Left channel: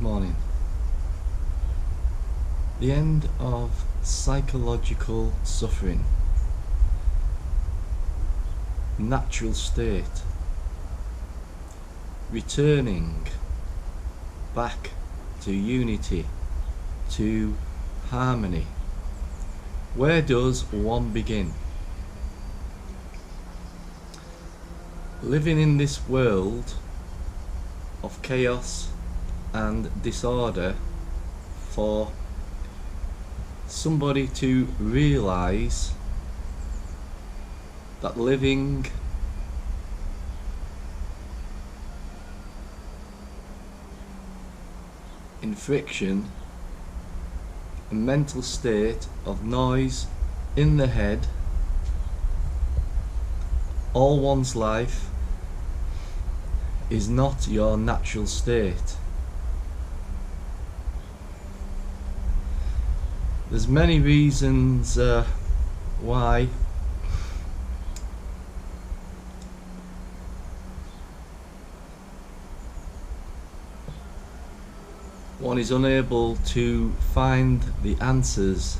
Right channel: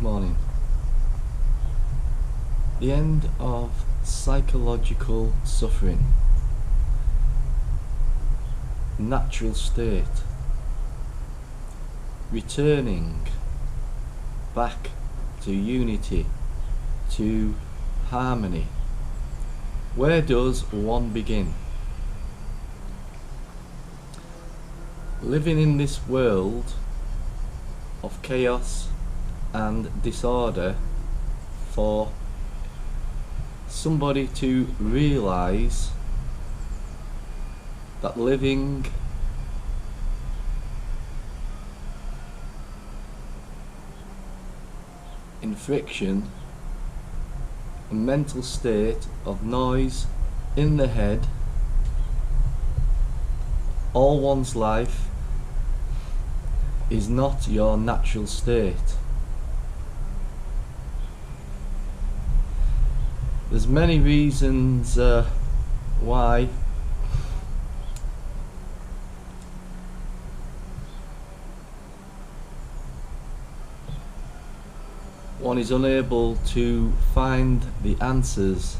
Good morning. The end of psychological suffering. Natural state. Returning back to unity, to harmony. Where does one begin? Living in this world of chaos and disorder, for somebody to realise that living in friction, a mental state of noise in the head all one's life, is not your natural state. There's many reasons why one is unable to find the answers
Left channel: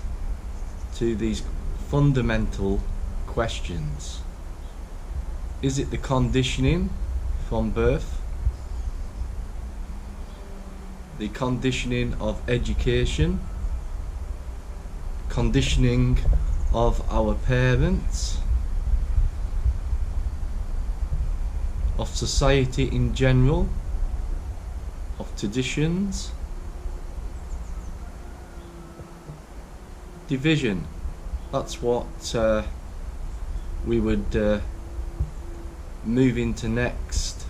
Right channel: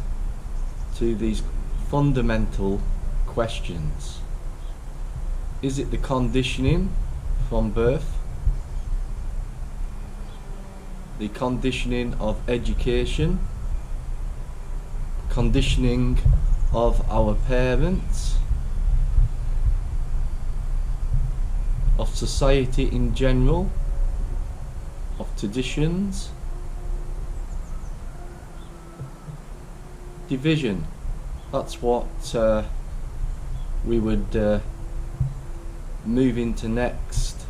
to these fundamental questions. Is it the conditioning from birth? The conditioning of education? Conditioning of our parents? Of society in general? Of traditions? Division. That's what we would move into next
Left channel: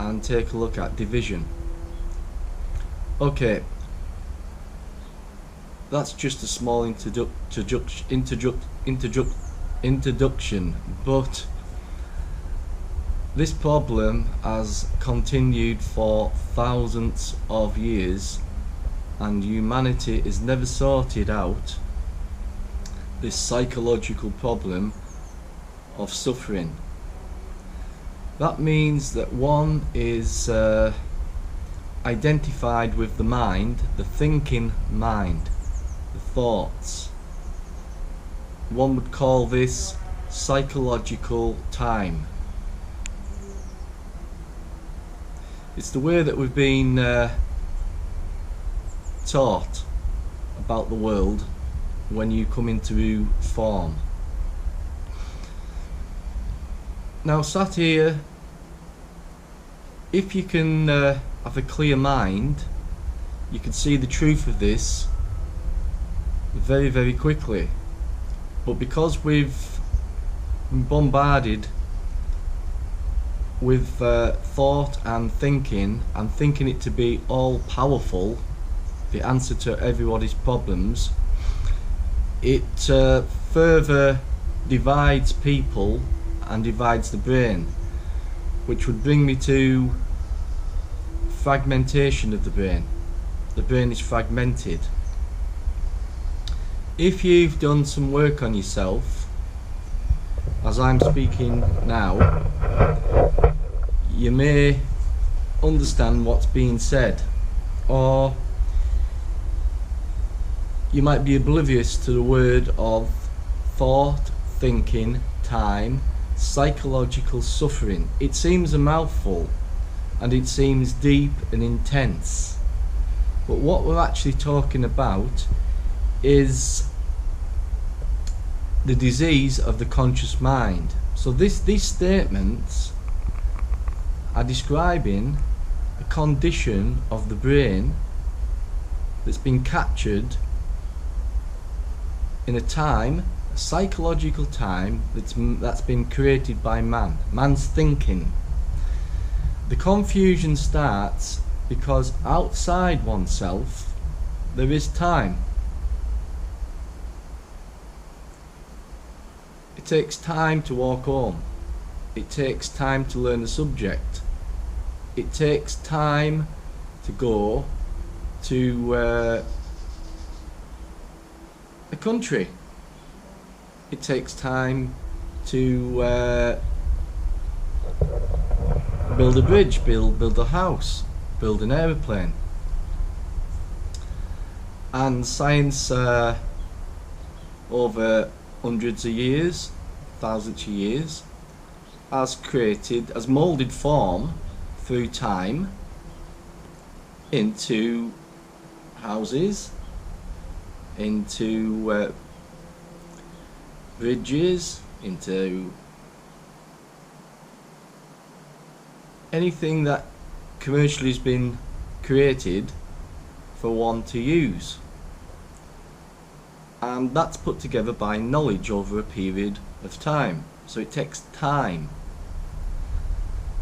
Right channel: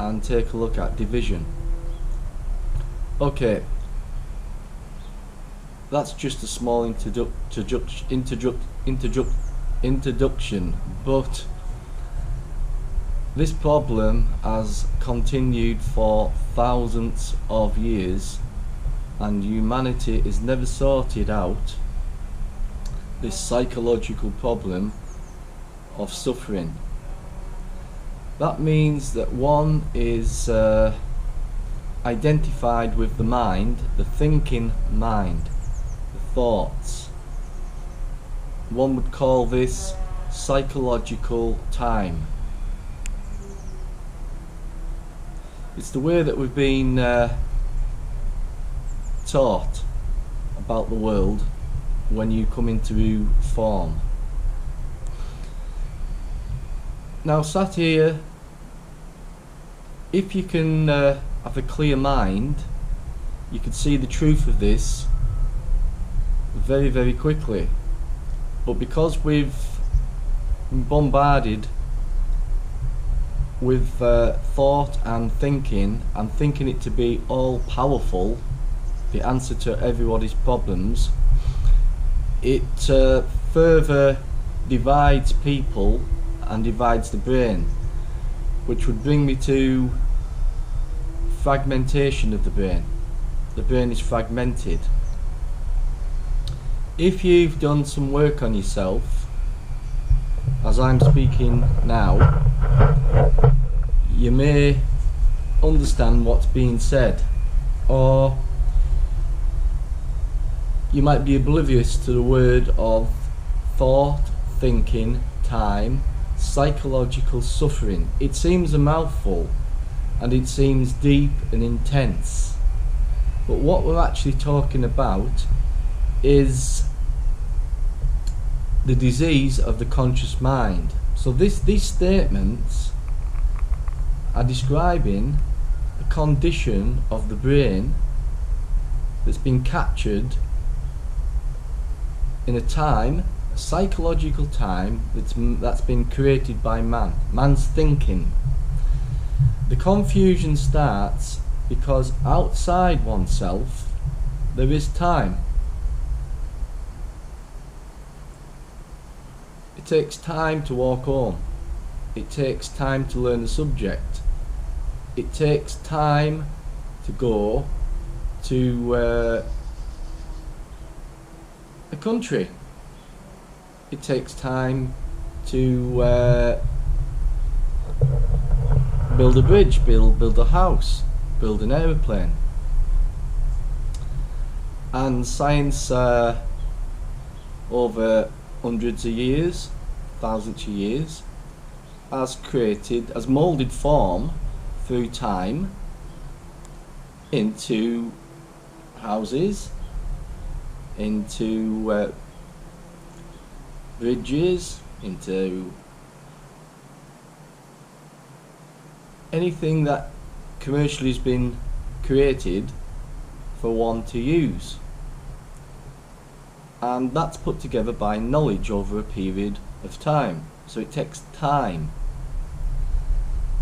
and take a look at. Division. Okay, that's just a small introduction, but this problem has continued for thousands of years, and humanity has never sorted out this psychological problem of suffering. That means that one is identified with the mind, the thinking mind, the thoughts. One would call this psychological time. It's the way that we've been taught about the world when you come into form. Now, sat here, if you can have a clear mind, you can see the truth of this very, very quickly. But because we've been bombarded with thought and thinking it to be all powerful, the answer to everybody's problems, it further divides people and divides the brain, which would bring me to fragmentation of the brain. The brain is fragmented. If you've done some work on yourself, as I'm speaking now, you may understand what's being said, or you might be oblivious to the word of thought, thinking, time, psychological suffering. It seems a mouthful and it seems deep and intense, but what we're actually talking about is the disease of the conscious mind. So these statements are describing a condition of the brain that's been captured in a time, a psychological time that's been created by man's thinking. The confusion starts because outside oneself there is time. It takes time to walk home. It takes time to learn the subject. It takes time to go to a country. It takes time to build a bridge, build a house. build an aeroplane. And science, over hundreds of years, thousands of years, has moulded form through time into houses, into bridges, into anything that commercially has been created for one to use. And that's put together by knowledge over a period of time. So it takes time.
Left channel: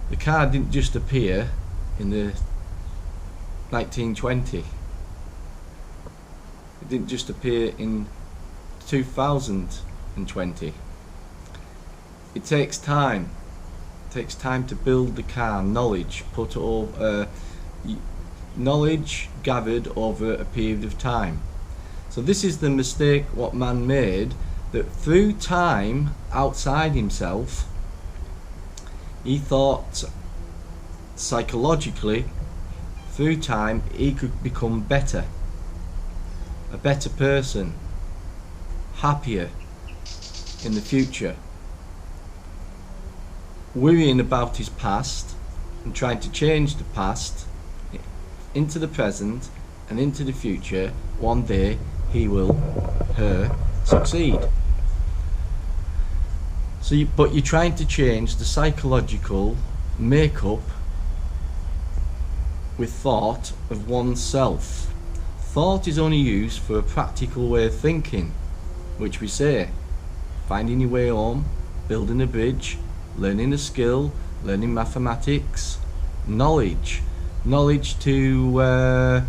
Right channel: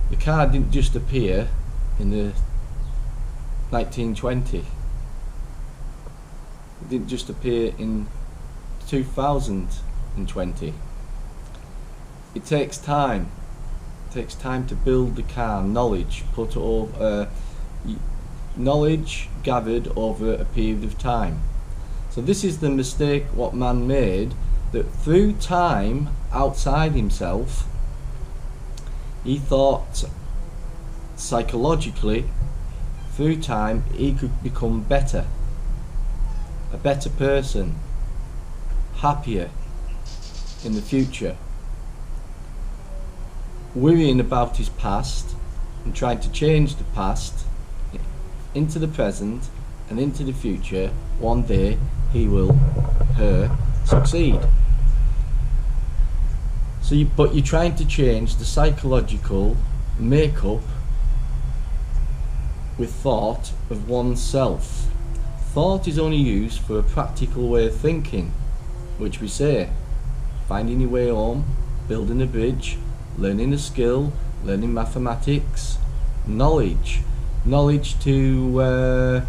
The car didn't just appear in the 1920. It didn't just appear in 2020. It takes time. It takes time to build the car. Knowledge knowledge gathered over a period of time. So this is the mistake what man made, that through time outside himself, he thought psychologically through time he could become better, a better person, happier in the future, worrying about his past and trying to change the past into the present and into the future. One day he will, her, succeed. So but you're trying to change the psychological makeup with thought of oneself. Thought is only used for a practical way of thinking, which we say, finding your way home, building a bridge, learning a skill, learning mathematics, knowledge to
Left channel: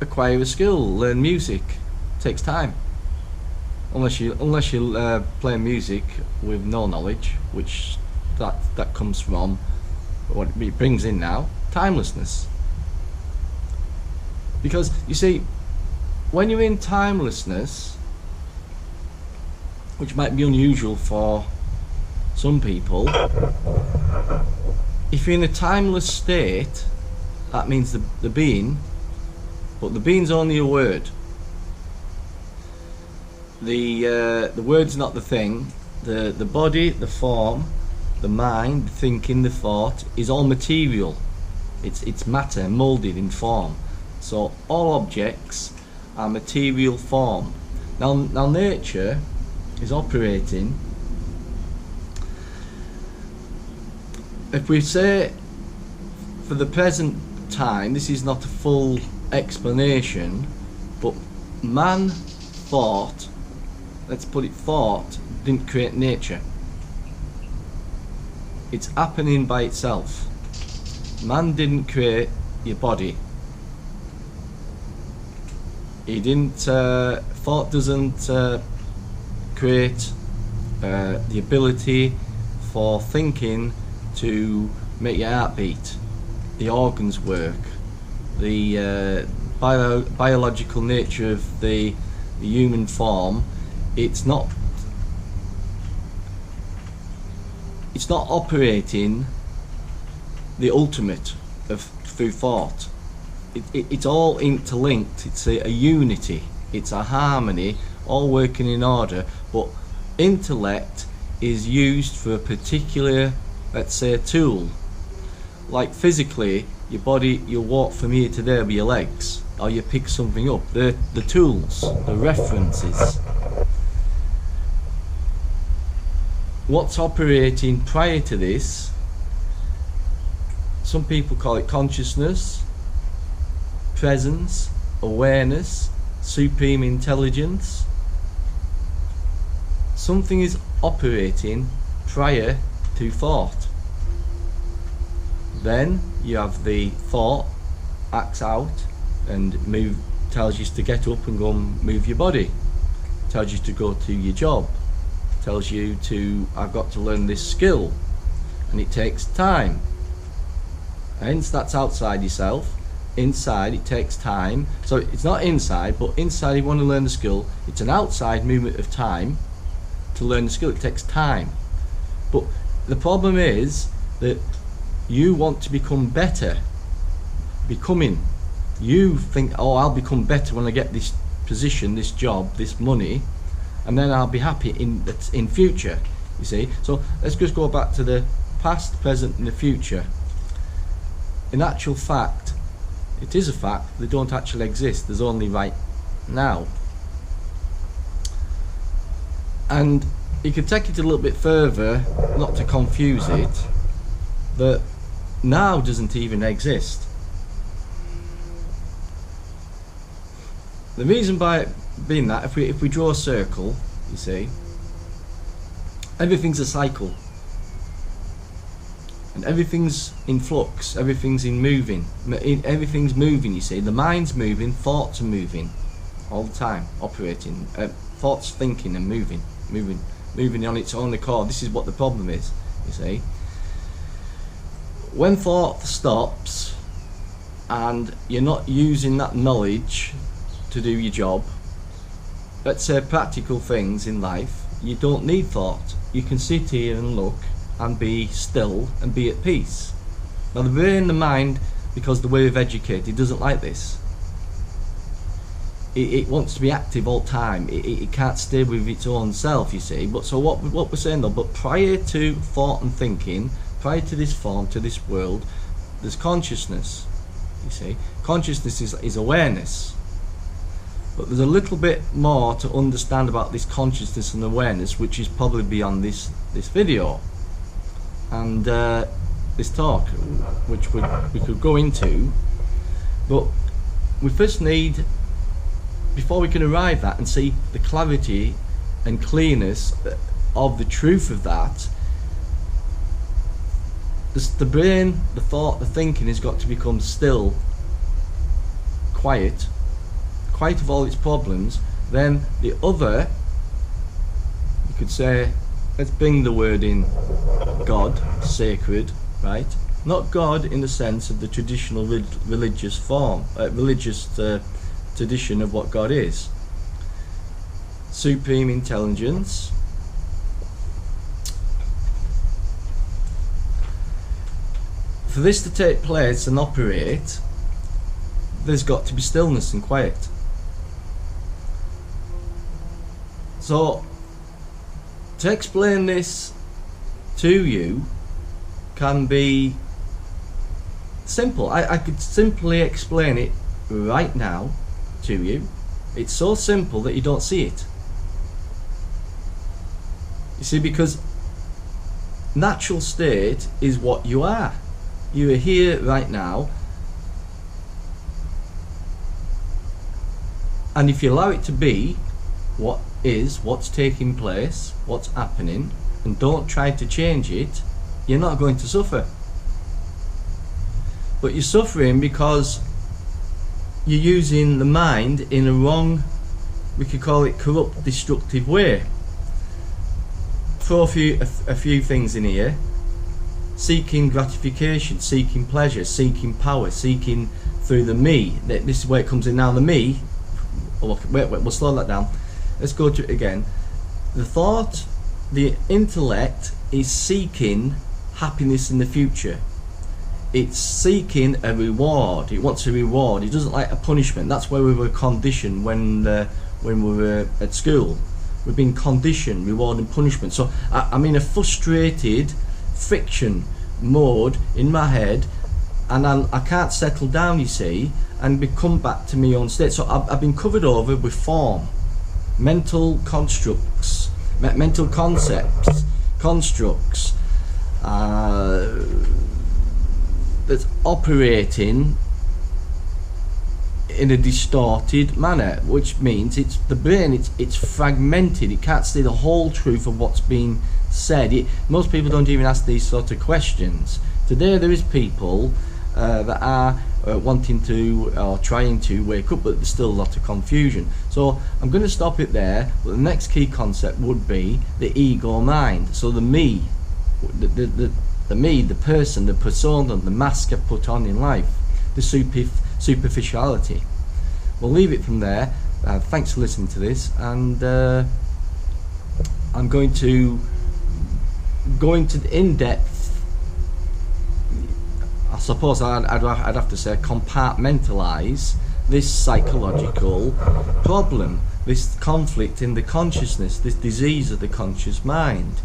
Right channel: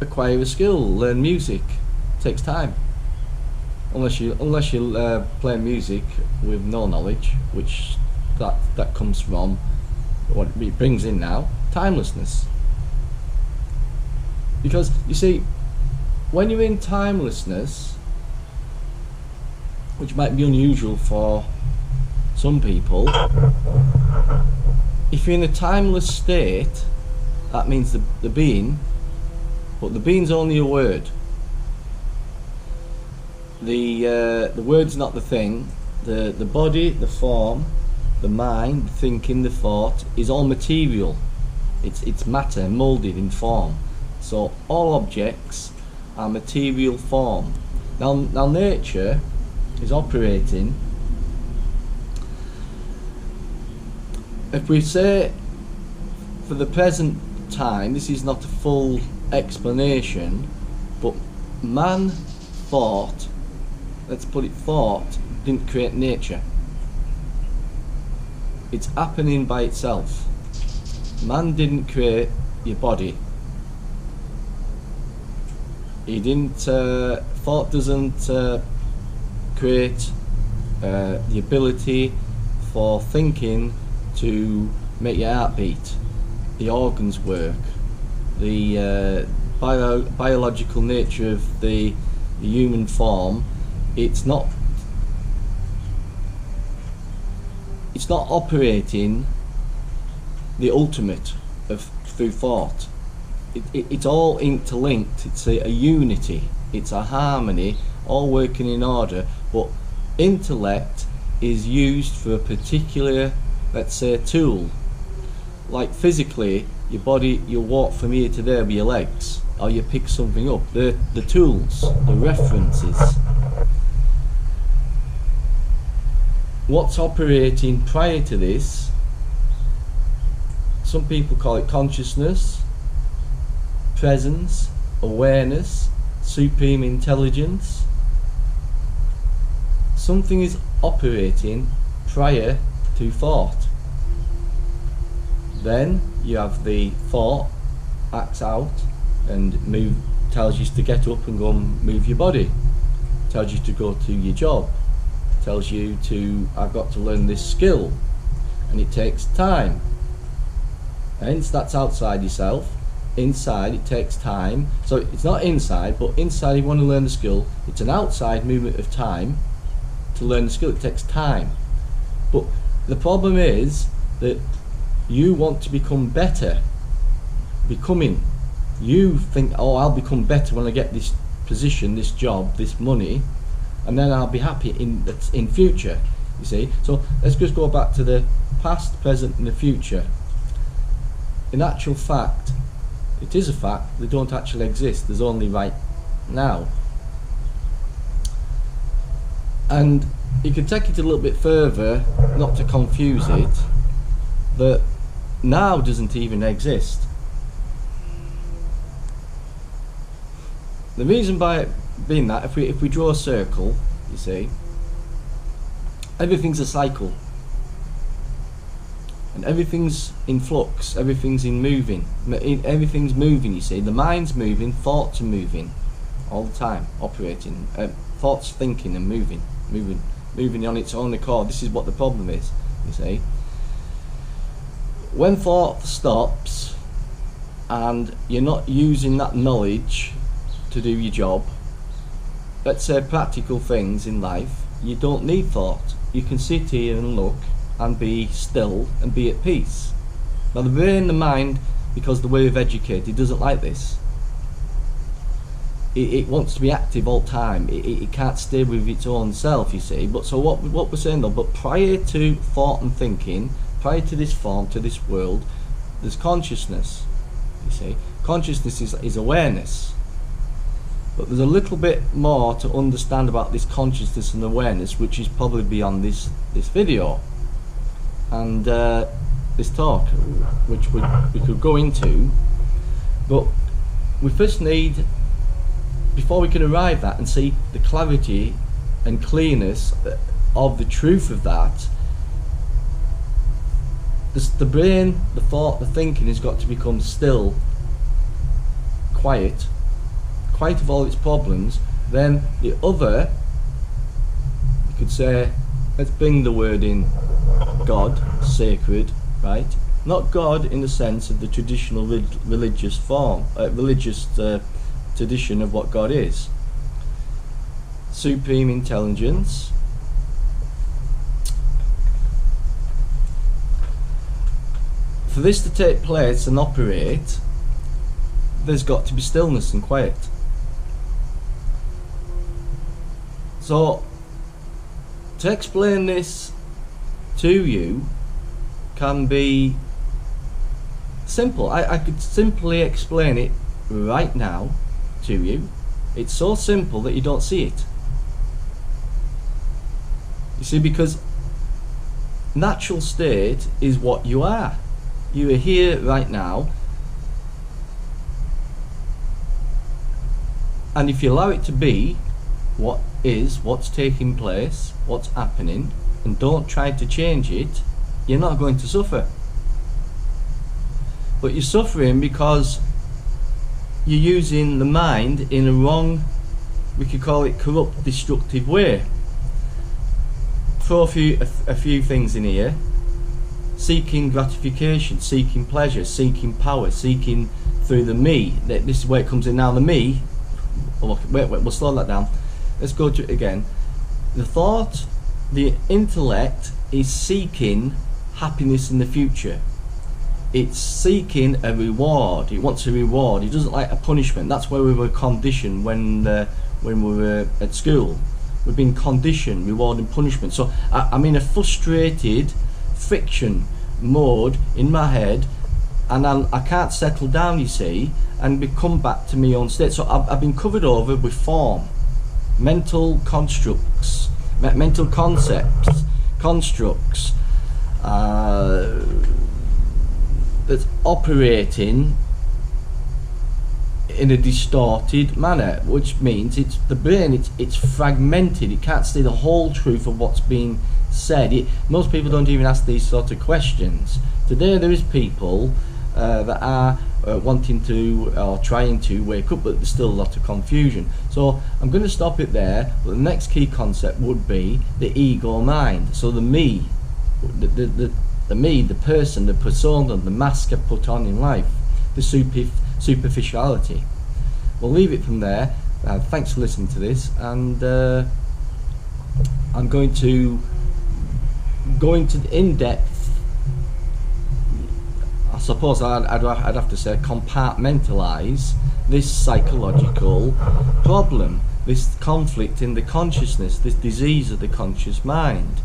acquire a skill, learn music. Takes time, unless you play music with no knowledge, which that comes from what it brings in now, timelessness. Because you see, when you're in timelessness, which might be unusual for some people, if you're in a timeless state, that means the being, but the being's only a word. The word's not the thing. The body, the form, the mind, the thinking, the thought is all material. It's matter moulded in form. So all objects are material form. Now nature is operating. If we say for the present time, this is not a full explanation, but man thought, let's put it, thought didn't create nature. It's happening by itself. Man didn't create your body. He didn't, thought doesn't create the ability for thinking to make your heart beat, the organs work, the biological nature of the human form. It's not operating the ultimate of through thought. It's all interlinked. It's a unity. It's a harmony, all working in order. But intellect is used for a particular, let's say, a tool. Like physically, your body, you walk from here to there with your legs, or you pick something up. The tools, the references. What's operating prior to this, some people call it consciousness, presence, awareness, supreme intelligence. Something is operating prior to thought. Then you have the thought acts out and tells you to get up and go and move your body, tells you to go to your job, tells you to, I've got to learn this skill, and it takes time. Hence that's outside yourself. Inside it takes time. So it's not inside, but inside you want to learn the skill. It's an outside movement of time to learn the skill. It takes time. But the problem is that you want to become better. You think, oh, I'll become better when I get this position, this job, this money, and then I'll be happy in future, you see. So let's just go back to the past, present and the future. In actual fact, it is a fact, they don't actually exist. There's only right now. And you could take it a little bit further, not to confuse it, that now doesn't even exist. The reason by it being that, if we draw a circle, you see, everything's a cycle. And everything's in flux, everything's everything's moving, you see. The mind's moving, thoughts are moving all the time, operating. Thoughts thinking and moving on its own accord. This is what the problem is, you see. When thought stops and you're not using that knowledge to do your job, let's say practical things in life, you don't need thought. You can sit here and look and be still and be at peace. Now the brain, the mind, because the way we've educated, doesn't like this. It wants to be active all the time. It can't stay with its own self, you see. But so what we're saying though, but prior to thought and thinking, prior to this form, to this world, there's consciousness, you see. Consciousness is awareness. But there's a little bit more to understand about this consciousness and awareness, which is probably beyond this video and this talk, which we could go into. But we first need, before we can arrive at and see the clarity and clearness of the truth of that, the brain, the thought, the thinking has got to become still, quiet of all its problems. Then the other, you could say, let's bring the word in, God, sacred, right? Not God in the sense of the traditional religious form, tradition of what God is. Supreme intelligence. For this to take place and operate, there's got to be stillness and quiet. So, to explain this to you can be simple. I could simply explain it right now to you. It's so simple that you don't see it. You see, because natural state is what you are. You are here right now, and if you allow it to be what is, what's taking place, what's happening, and don't try to change it, you're not going to suffer. But you're suffering because you're using the mind in a wrong, we could call it corrupt, destructive way. Throw a few things in here. Seeking gratification, seeking pleasure, seeking power, seeking through the me. This is where it comes in now, the me. Wait, we'll slow that down. Let's go to it again. The thought, the intellect is seeking happiness in the future. It's seeking a reward. It wants a reward. It doesn't like a punishment. That's where we were conditioned when we were at school. We've been conditioned, reward and punishment. So I'm in a frustrated friction mode in my head, and I can't settle down, you see, and come back to my own state. So I've been covered over with form, mental constructs, mental concepts, constructs that's operating in a distorted manner, which means it's the brain, it's fragmented. It can't see the whole truth of what's being said. Most people don't even ask these sort of questions. Today there is people that are wanting to or trying to wake up, but there's still a lot of confusion. So I'm going to stop it there. But the next key concept would be the ego mind. So the me, the me, the person, the persona, the mask I put on in life, the superficiality. We'll leave it from there. Thanks for listening to this, and I'm going to go into the in-depth, I suppose I'd have to say, compartmentalize this psychological problem, this conflict in the consciousness, this disease of the conscious mind.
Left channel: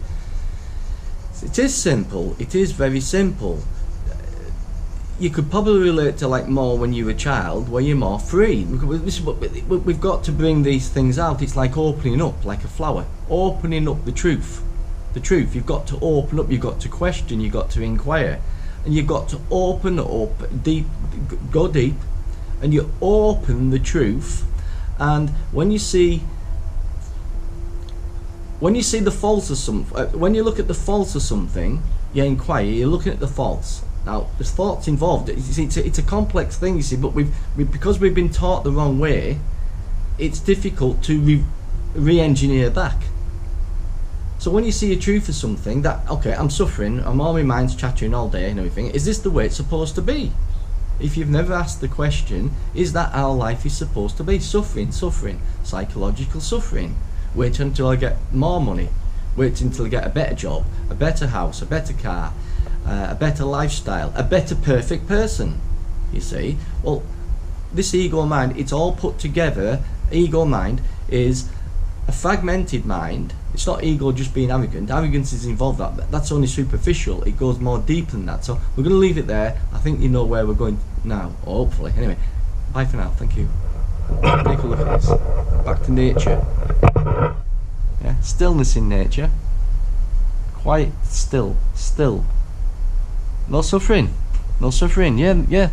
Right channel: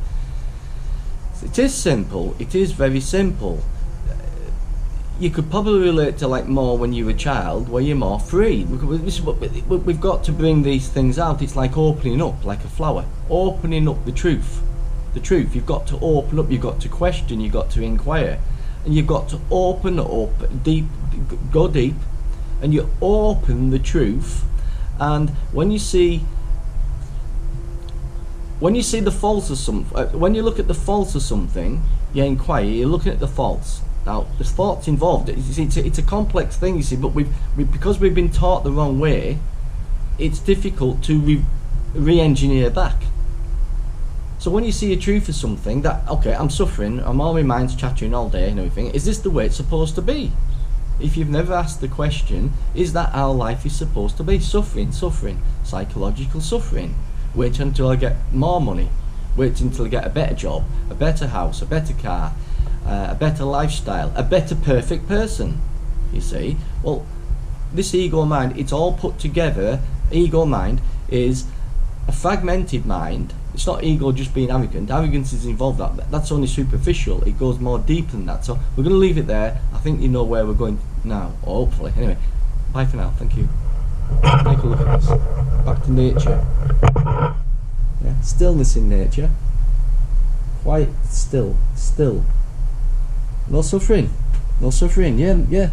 It is simple, it is very simple. You could probably relate to like more when you're a child, where you're more free. This is what we've got to bring these things out. It's like opening up, like a flower, opening up the truth. The truth, you've got to open up, you've got to question, you've got to inquire, and you've got to open up deep, go deep, and you open the truth. And when you see the false of something, when you look at the false of something, you inquire, you're looking at the false. Now, there's thoughts involved. It's a complex thing, you see, but because we've been taught the wrong way, it's difficult to re-engineer back. So when you see a truth of something, that, okay, I'm suffering, I'm all my mind's chattering all day and everything, is this the way it's supposed to be? If you've never asked the question, is that how life is supposed to be? Suffering, psychological suffering. Wait until I get more money. Wait until I get a better job, a better house, a better car, a better lifestyle, a better perfect person, you see. Well, this ego mind, it's all put together. Ego mind is a fragmented mind. It's not ego just being arrogant. Arrogance is involved. That's only superficial. It goes more deep than that. So we're going to leave it there. I think you know where we're going now, or hopefully. Anyway, bye for now. Thank you. Take a look at this. Back to nature. Yeah, stillness in nature. Quiet, still. No suffering. Yeah.